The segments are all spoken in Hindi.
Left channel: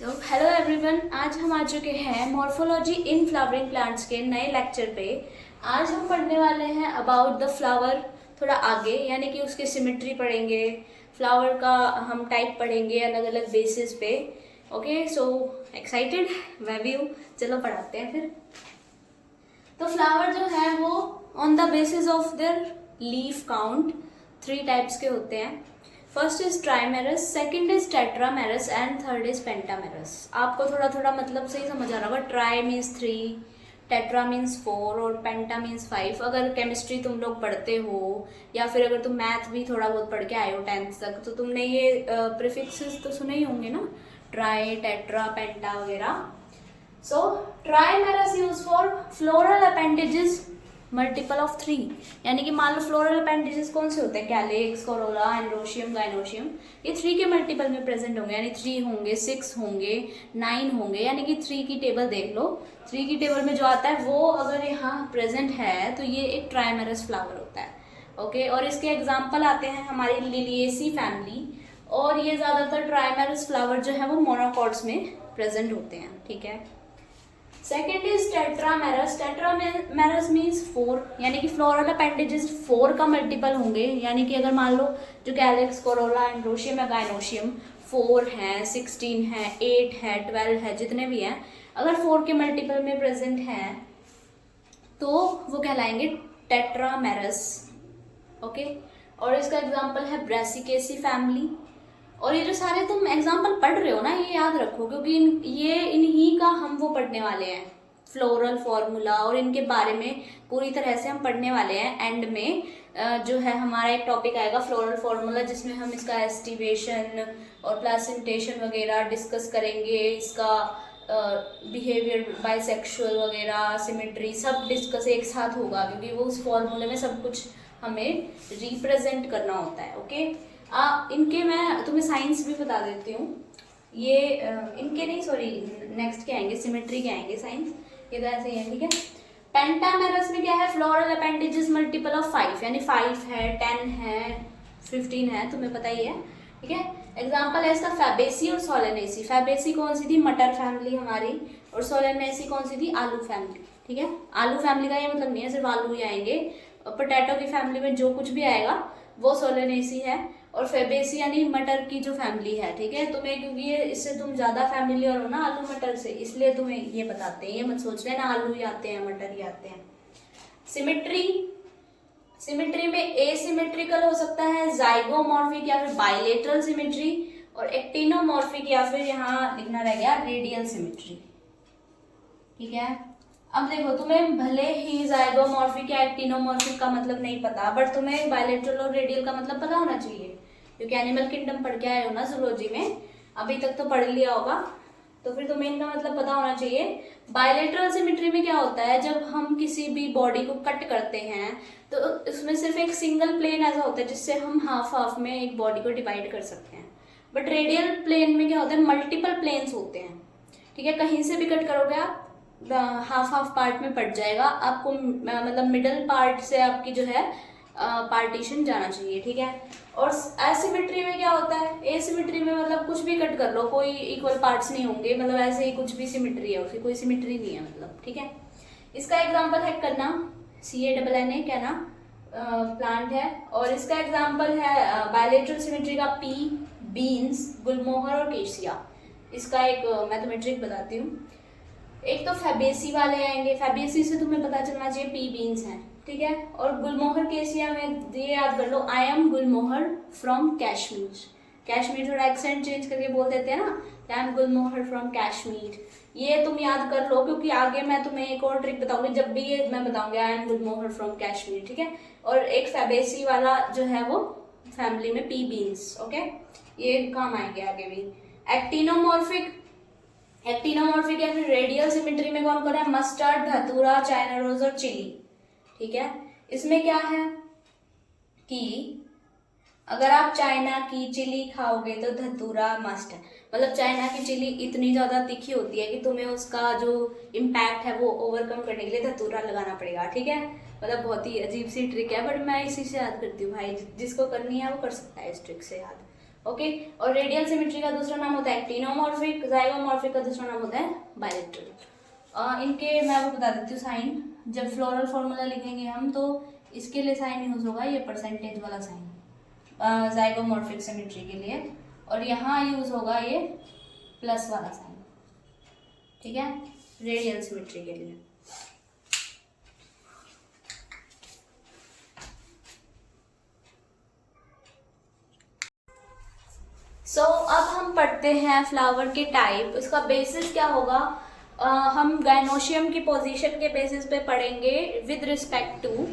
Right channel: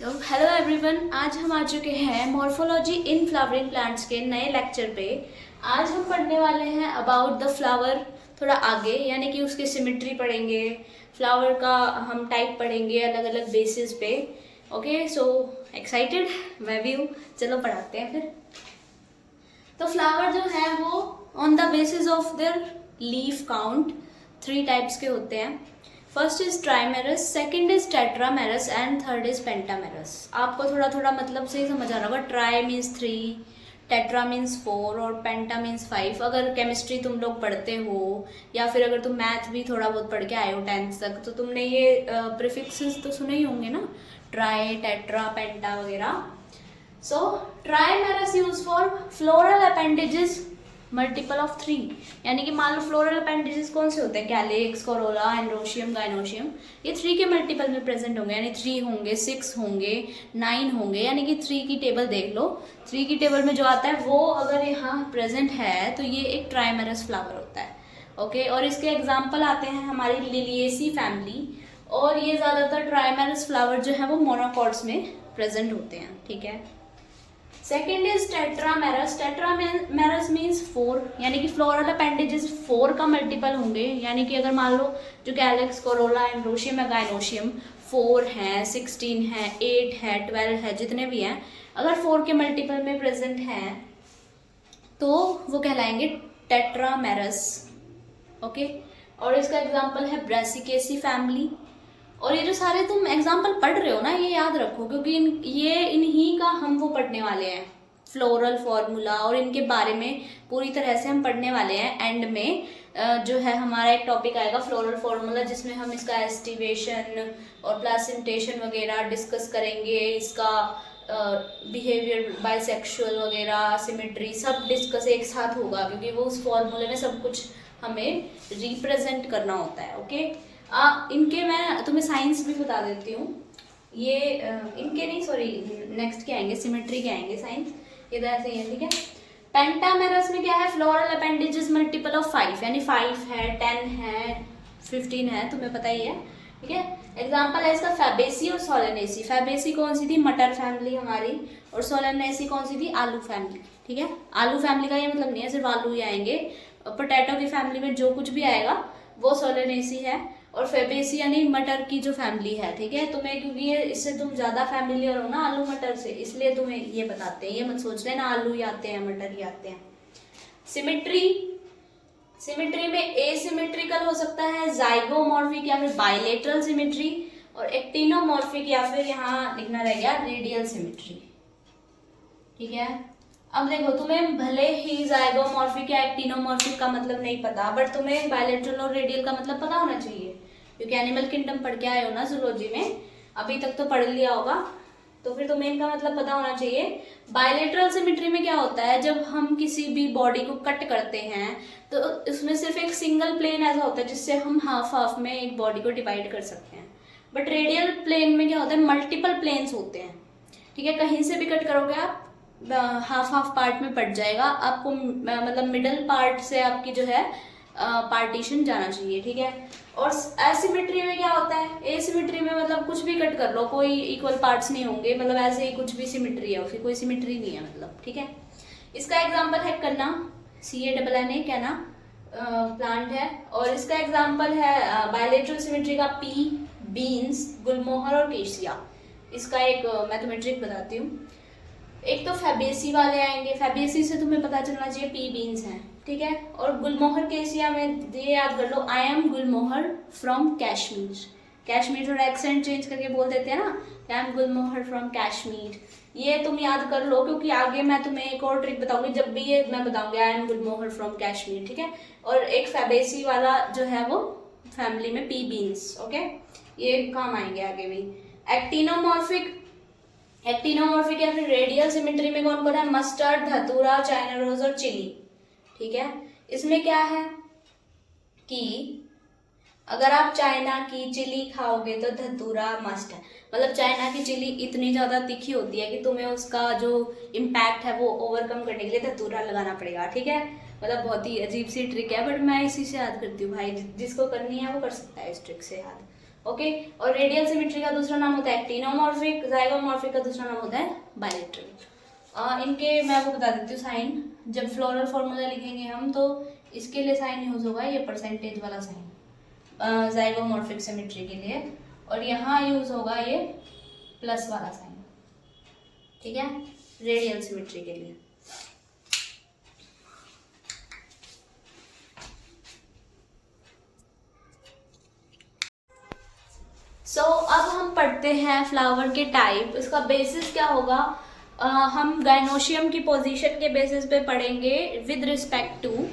सो हेलो एवरीवन, आज हम आ चुके हैं मॉर्फोलॉजी इन फ्लावरिंग प्लांट्स के नए लेक्चर पे। आज हम पढ़ने वाले हैं अबाउट द फ्लावर, थोड़ा आगे, यानी कि उसकी सिमेट्री पढ़ेंगे, फ्लावर का हम टाइप पढ़ेंगे अलग अलग बेसिस पे। Okay, so excited? मैं भी हूँ। चलो पढ़ाते हैं फिर। तो फ्लावर जो है वो on the basis of their leaf count 3 types के होते हैं। First is ट्राइमेरस, second is tetramerous and third is pentamerous. आपको थोड़ा थोड़ा मतलब से ही समझ आ रहा होगा। ट्राई मीन्स 3, टेट्रा मीन्स 4 और पेंटा मीन्स 5। अगर केमिस्ट्री तुम लोग पढ़ते हो या फिर अगर तुम मैथ भी थोड़ा बहुत पढ़ के आए हो 10th तक, तो तुमने ये प्रीफिक्सेस तो सुने ही होंगे ना, ट्राई, टेट्रा, पेंटा वगैरह। So trimerous use for floral appendages multiple of 3, यानी कि मान लो फ्लोरल अपेंडेजेस कौन से होते हैं, कैलिक्स, कोरोला, एंड्रोशियम, गाइनोशियम। ये 3 के मल्टीपल में प्रेजेंट होंगे, यानी 3 होंगे, 6 होंगे, 9 होंगे, यानी कि 3 की टेबल देख लो। 3 की टेबल में जो आता है वो अगर यहाँ प्रेजेंट है तो ये एक ट्राइमेरस फ्लावर होता है। ओके, और इसके एग्जाम्पल आते हैं हमारी लिलिएसी फैमिली, और ये ज़्यादातर ट्राइमेरस फ्लावर जो है वो मोनोकॉट्स में प्रेजेंट होते हैं। ठीक है। Second is tetramerous. Tetramerous means 4, यानी कि फ्लोरल अपेंडेजेस 4 का मल्टीपल होंगे, यानी कि अगर मान लो जो कैलिक्स, कोरोला, एंड्रोशियम या गाइनोशियम 4 है, 16 है, 8 है, 12 है, जितने भी हैं, अगर 4 के मल्टीपल में प्रेजेंट हैं तो वो कहलाएंगे टेट्रामेरस। ओके, और इसका एग्जाम्पल है ब्रासिकेसी फैमिली। और ये जो सारे तुम एग्जाम्पल पढ़ रहे हो ना, ये याद रखो, क्योंकि इन्हीं का हम वो पढ़ने वाले हैं, फ्लोरल फॉर्मूला, और इनके बारे में पूरी तरह से हम पढ़ने वाले हैं। एंड में जो है हमारा एक टॉपिक आएगा फ्लोरल फॉर्मूला, जिसमें हम इसका एस्टिवेशन और प्लेसेंटेशन वगैरह डिस्कस करेंगे, इसका बिहेवियर, बाइसेक्सुअल वगैरह, सिमेट्री, सब डिस्कस एक साथ होगा, क्योंकि वो उस फॉर्मूले में सब कुछ हमें रिप्रेजेंट करना होता है। ओके, इनके मैं तुम्हें साइंस भी बता देती हूँ। ये इनके नहीं, सॉरी, नेक्स्ट के आएंगे, सिमेट्री के आएंगे साइंस। ये तो ऐसे ही है। ठीक है। पेंटामेरस में क्या है, फ्लोरल अपेंडेजेस मल्टीपल ऑफ 5, यानी 5 है, 10 है, 15 है, तुम्हें पता ही है। ठीक है। एग्जाम्पल है इसका फैबेसी और सोलेनेसी। फैबेसी कौन सी थी, मटर फैमिली हमारी, और सोलेनेसी कौन सी थी, आलू फैमिली। ठीक है। आलू फैमिली का ये मतलब नहीं है सिर्फ आलू ही आएंगे, पोटैटो की फैमिली में जो कुछ भी आएगा वो सोलेनेसी है, और फेबेसी यानी मटर की जो फैमिली है। ठीक है। तुम्हें क्योंकि ये इससे तुम ज्यादा फैमिलियर हो ना आलू मटर से, इसलिए तुम्हें ये बताते हैं। ये मत सोच लेना आलू ही आते हैं, मटर ही आते हैं। सिमेट्री में एसिमेट्रिकल हो सकता है, जाइगोमॉर्फिक या फिर बाइलेटरल सिमेट्री, और एक्टिनोमॉर्फिक या फिर यहाँ लिखना रह गया रेडियल सिमेट्री। ठीक है। अब देखो, तुम्हें भले ही जाइगोमॉर्फिक या एक्टिनोमॉर्फिक का मतलब नहीं पता, बट तुम्हें बायलैटरल और रेडियल का मतलब पता होना चाहिए, क्योंकि एनिमल किंगडम पढ़ के आए हो ना जूलॉजी में, अभी तक तो पढ़ लिया होगा, तो फिर तुम्हें इनका मतलब पता होना चाहिए। बायलैटरल सिमेट्री में क्या होता है, जब हम किसी भी बॉडी को कट करते हैं तो उसमें सिर्फ एक सिंगल प्लेन ऐसा होता है जिससे हम हाफ हाफ में एक बॉडी को डिवाइड कर सकते हैं। बट रेडियल प्लेन में क्या होता है, मल्टीपल प्लेन्स होते हैं। ठीक है। कहीं से भी कट करोगे आप हाफ हाफ पार्ट में पड़ जाएगा आपको, मतलब मिडल पार्ट से आपकी जो है पार्टीशन जाना चाहिए। ठीक है। और एसिमेट्री में क्या होता है, एसिमेट्री में मतलब कुछ भी कट कर लो, कोई इक्वल पार्ट्स नहीं होंगे, मतलब ऐसे ही कुछ भी सिमेट्री है, उसकी कोई सिमेट्री नहीं है मतलब। ठीक है। इसका एग्जाम्पल है कन्ना, CANNA, कहना प्लांट है, और इसका एग्जाम्पल है बायलेटरल सिमेट्री का पी, बीन्स, गुलमोहर और केशिया। इसका एक मैं तुम्हें ट्रिक बताती हूँ। एक तो फैबेसी वाले आएंगे, फैबेसी से तुम्हें पता चलना चाहिए पी बीन्स हैं। ठीक है। और गुलमोहर केसिया में ये याद कर लो, I am Gulmohar from Kashmir. Kashmir थोड़ा एक्सेंट चेंज करके बोल देते हैं ना, I am Gulmohar from Kashmir. ये तुम याद कर लो, क्योंकि आगे मैं तुम्हें एक और ट्रिक बताऊंगी, जब भी ये मैं बताऊंगी आई एम गुलमोहर फ्रॉम कश्मीर। ठीक है। और एक फैबेसी वाला जो है वो फैमिली में पी बीन्स। ओके, ये काम आएंगे आगे भी। एक्टिनोमॉर्फिक या फिर रेडियल सिमेट्री में कौन कौन है, मस्टर्ड, धतूरा, चाइना रोज और चिली। ठीक है। इसमें क्या है कि अगर आप चाइना की चिली खाओगे तो धतूरा मस्ट है, मतलब चाइना की चिली इतनी ज्यादा तीखी होती है कि तुम्हें उसका जो इम्पैक्ट है वो ओवरकम करने के लिए धतूरा लगाना पड़ेगा। ठीक है। मतलब बहुत ही अजीब सी ट्रिक है, बट मैं इसी से याद करती हूँ भाई, जिसको करनी है वो कर सकता है इस ट्रिक से याद। ओके। और रेडियल सिमेट्री का दूसरा नाम होता है एक्टिनोमॉर्फिक, जाइगोमॉर्फिक का दूसरा नाम होता है बायलेटरल। इनके मैं वो बता देती हूँ साइन। जब फ्लोरल फॉर्मूला लिखेंगे हम तो इसके लिए साइन यूज होगा ये परसेंटेज वाला साइन जाइगोमॉर्फिक सिमेट्री के लिए, और यहाँ यूज होगा ये प्लस वाला साइन, ठीक है, रेडियल सिमेट्री के लिए। अब हम पढ़ते हैं फ्लावर के टाइप। इसका बेसिस क्या होगा, हम गाइनोशियम की पोजीशन के बेसिस पे पढ़ेंगे with respect to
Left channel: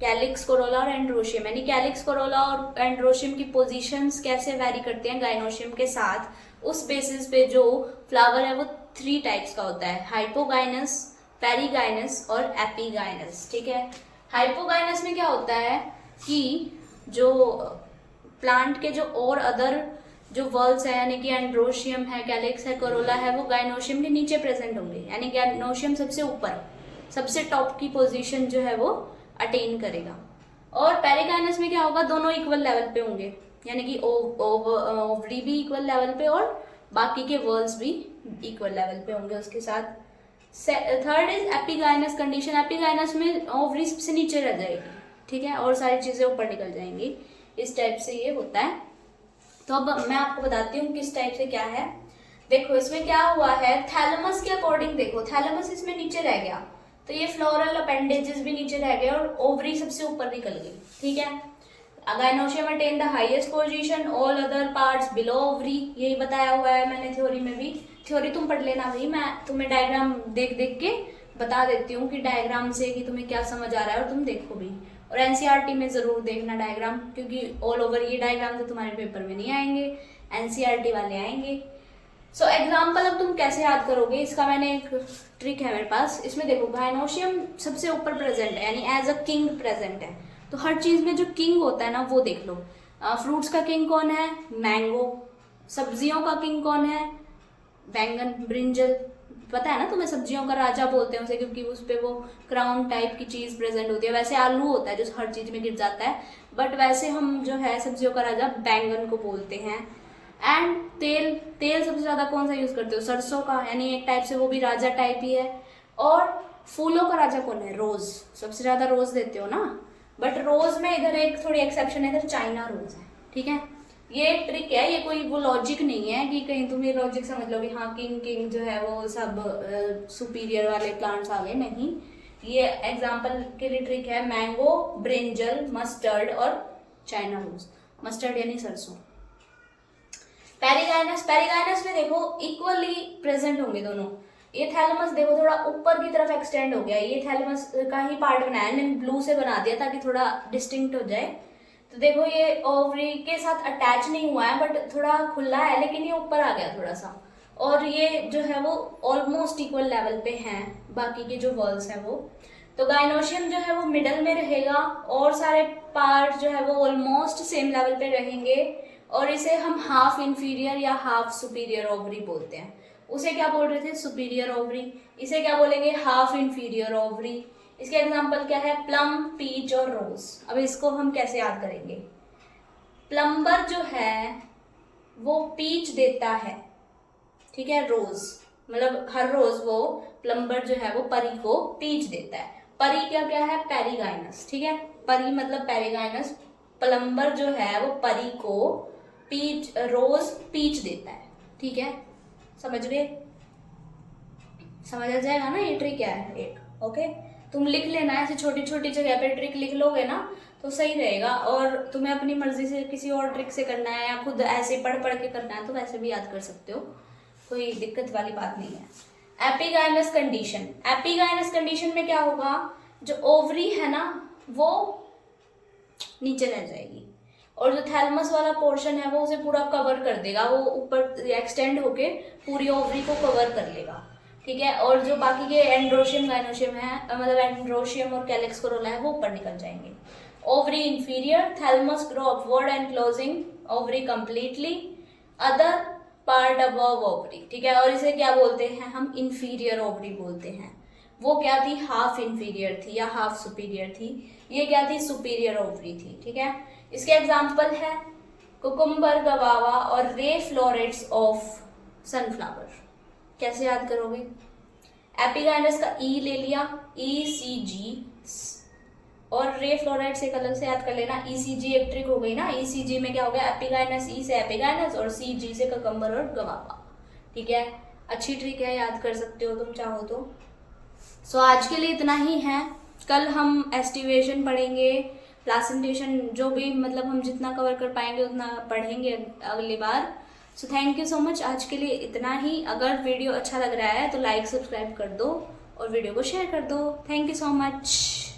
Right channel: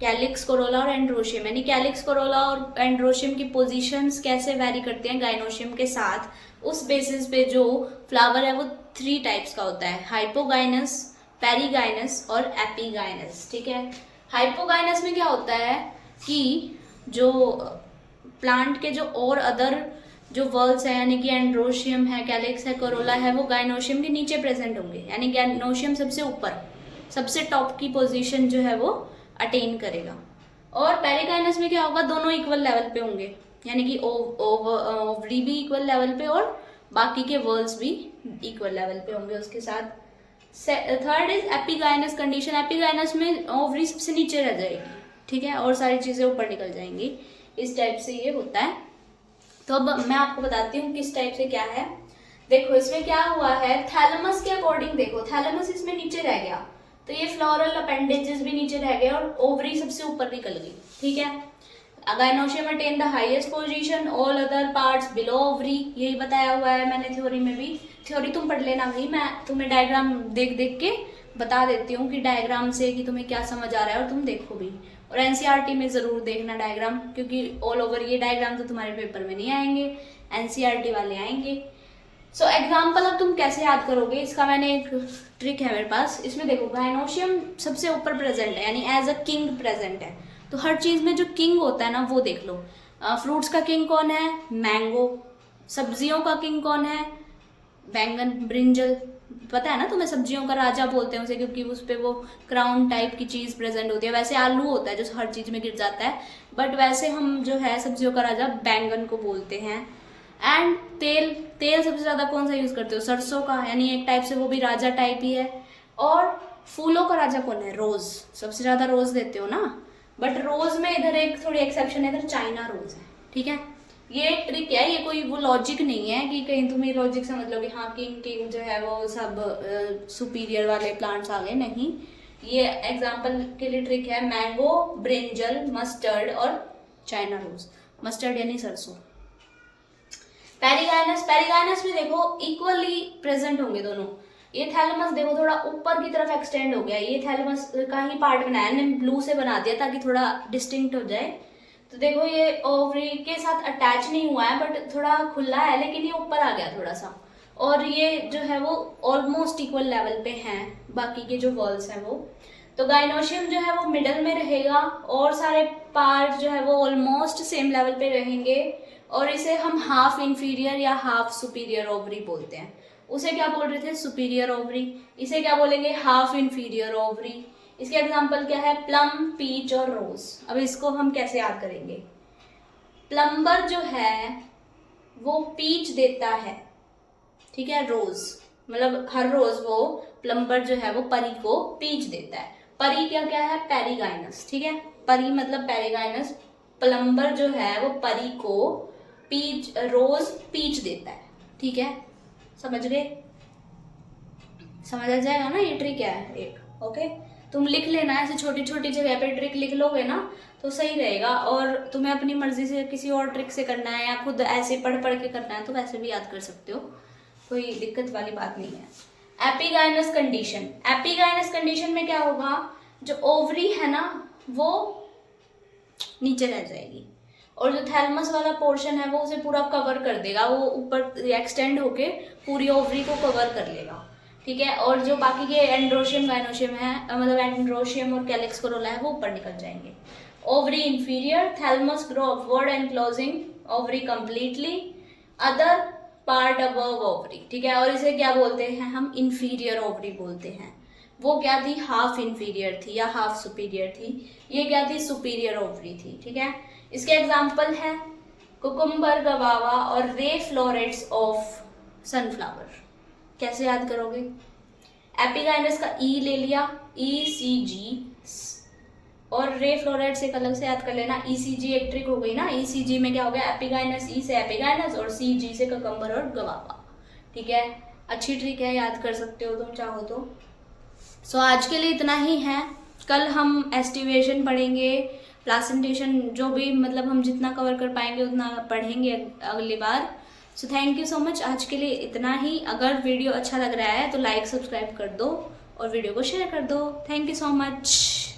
calyx, corolla और एंड्रोशियम, यानी कैलिक्स, कोरोला और एंड्रोशियम की पोजीशंस कैसे वैरी करते हैं गाइनोशियम के साथ, उस बेसिस पे जो फ्लावर है वो 3 टाइप्स का होता है, हाइपोगाइनस, पेरीगाइनस और एपीगाइनस, ठीक है। हाइपोगाइनस में क्या होता है कि जो प्लांट के जो और अदर जो वर्ल्स है, यानी कि एंड्रोशियम है, कैलिक्स है, कोरोला है, वो गाइनोशियम के नीचे प्रेजेंट होंगे, यानी गाइनोशियम सबसे ऊपर, सबसे टॉप की पोजीशन जो है वो अटेन करेगा। और पेरिगाइनस में क्या होगा, दोनों इक्वल लेवल पे होंगे, यानी कि ओवरी भी इक्वल लेवल पे और बाकी के वर्ल्स भी इक्वल लेवल पे होंगे उसके साथ। Third is epigynous condition. Epigynous में ओवरी सबसे नीचे रह जाएगी, ठीक है, और सारी चीजें ऊपर निकल जाएंगी। इस टाइप से ये होता है। तो अब मैं आपको बताती हूँ किस टाइप से क्या है। देखो इसमें क्या हुआ है, थैलेमस के अकॉर्डिंग देखो, थैलेमस इसमें नीचे रह गया तो ये फ्लोरल अपेंडेजेस भी नीचे रह गए और ओवरी सबसे ऊपर निकल गई, ठीक है। Gynoecium attain the highest position, all other parts below ovary, यही बताया हुआ है मैंने थ्योरी में भी। थ्योरी तुम पढ़ लेना भाई, मैं तुम्हें डायग्राम देख देख के बता देती हूँ कि डायग्राम से कि तुम्हें क्या समझ आ रहा है, और तुम देखो भी। और एनसीईआरटी में जरूर देखना डायग्राम, क्योंकि ऑल ओवर ये डायग्राम तो तुम्हारे पेपर में नहीं आएंगे, एनसीईआरटी वाले आएंगे। सो एग्जाम्पल अब तुम कैसे याद करोगे, इसका मैंने एक ट्रिक है मेरे पास। इसमें देखो गाइनोशियम सबसे ऊपर प्रेजेंट है, यानी एज अ किंग प्रेजेंट है, तो हर चीज में जो किंग होता है ना वो देख लो। फ्रूट्स का किंग कौन है, मैंगो। सब्जियों का किंग कौन है, बैंगन, ब्रिंजल। पता है ना तुम्हें, सब्जियों का राजा बोलते हैं उसे, क्योंकि उस पे वो क्राउन टाइप की चीज प्रेजेंट होती है। वैसे आलू होता है जो हर चीज में गिर जाता है, बट वैसे हम जो है सब्जियों का राजा बैंगन को बोलते हैं। एंड तेल, तेल सबसे ज्यादा कौन सा यूज करते हो, सरसों का, यानी एक टाइप से वो भी राजा टाइप ही है। और फूलों का राजा कौन है, रोज, सबसे ज्यादा रोज देते हो ना, बट रोज में इधर एक थोड़ी एक्सेप्शन है, इधर चाइना रोज है, ठीक है। ये एक ट्रिक है, ये कोई वो लॉजिक नहीं है कि कहीं तुम ये लॉजिक समझ लो कि हाँ किंग किंग जो है वो सब सुपीरियर वाले प्लांट्स आ गए, नहीं। ये एग्जाम्पल के लिए ट्रिक है, मैंगो, ब्रिंजल, मस्टर्ड और चाइना रोज। मस्टर्ड यानी सरसों। पेरिगाइनस, पेरिगाइनस में देखो इक्वली प्रेजेंट होंगे दोनों। ये थैलेमस देखो थोड़ा ऊपर की तरफ एक्सटेंड हो गया, ये थैलेमस का ही पार्ट बनाया, मैंने ब्लू से बना दिया ताकि थोड़ा डिस्टिंक्ट हो जाए। तो देखो ये ओवरी के साथ अटैच नहीं हुआ है, बट थोड़ा खुला है, लेकिन ये ऊपर आ गया थोड़ा सा। और ये जो है वो ऑलमोस्ट इक्वल लेवल पे हैं बाकी के जो वॉल्स हैं वो। तो गाइनोशियम जो है वो मिडल में रहेगा, और सारे पार्ट जो है वो ऑलमोस्ट सेम लेवल पे रहेंगे, और इसे हम हाफ इंफीरियर या हाफ सुपीरियर ओवरी बोलते हैं। उसे क्या बोल रहे थे, सुपीरियर ओवरी, इसे क्या बोलेंगे, हाफ इंफीरियर ओवरी। इसके एग्जाम्पल क्या है, प्लम, पीच और रोज। अब इसको हम कैसे याद करेंगे, प्लम्बर जो है वो पीच देता है, ठीक है, रोज, मतलब हर रोज वो प्लम्बर जो है वो परी को पीच देता है। परी क्या क्या है, पेरिगाइनस, ठीक है, परी मतलब पेरिगाइनस। प्लम्बर जो है वो परी को पीच, रोज पीच देता है, ठीक है, समझ गए, समझ आ जाएगा ना, ये ट्रिक है एक, ओके। तुम लिख लेना, ऐसे छोटी छोटी जगह पे ट्रिक लिख लोगे ना तो सही रहेगा। और तुम्हें अपनी मर्जी से किसी और ट्रिक से करना है या खुद ऐसे पढ़ पढ़ के करना है तो वैसे भी याद कर सकते हो, कोई दिक्कत वाली बात नहीं है। एपीगाइनस कंडीशन, एपीगाइनस कंडीशन में क्या होगा, जो ओवरी है ना वो नीचे रह जाएगी, और जो थैलेमस वाला पोर्शन है वो उसे पूरा कवर कर देगा, वो ऊपर एक्सटेंड होके पूरी ओवरी को कवर कर लेगा, ठीक है। और जो बाकी के एंड्रोशियम गाइनोशियम है, मतलब एंड्रोशियम और कैलिक्स कोरोला है, वो ऊपर निकल जाएंगे। Ovary inferior, thalamus grow upward and closing ovary completely, other part above ovary, ठीक है। और इसे क्या बोलते हैं हम, इंफीरियर ओवरी बोलते हैं। वो क्या थी, हाफ इंफीरियर थी या हाफ सुपीरियर थी, ये क्या थी, सुपीरियर ओवरी थी, ठीक है। इसके एग्जाम्पल है कुकुम्बर, गवावा और रे फ्लोरेट्स ऑफ सनफ्लावर। कैसे याद करोगे? एपिगाइनस का ई ले लिया, ECG, और रे फ्लोरेट्स एक अलग से याद कर लेना, ECG एक ट्रिक हो गई ना। ECG में क्या हो गया? एपिगाइनस, ई से एपिगाइनस और CG से कुकुम्बर और गवावा। ठीक है, अच्छी ट्रिक है, याद कर सकते हो तुम चाहो तो। सो आज के लिए इतना ही है। कल हम एस्टिवेशन पढ़ेंगे, प्लासेंटेशन, जो भी मतलब हम जितना कवर कर पाएंगे उतना पढ़ेंगे अगली बार। So thank you so much, आज के लिए इतना ही। अगर वीडियो अच्छा लग रहा है तो लाइक सब्सक्राइब कर दो और वीडियो को शेयर कर दो। Thank you so much.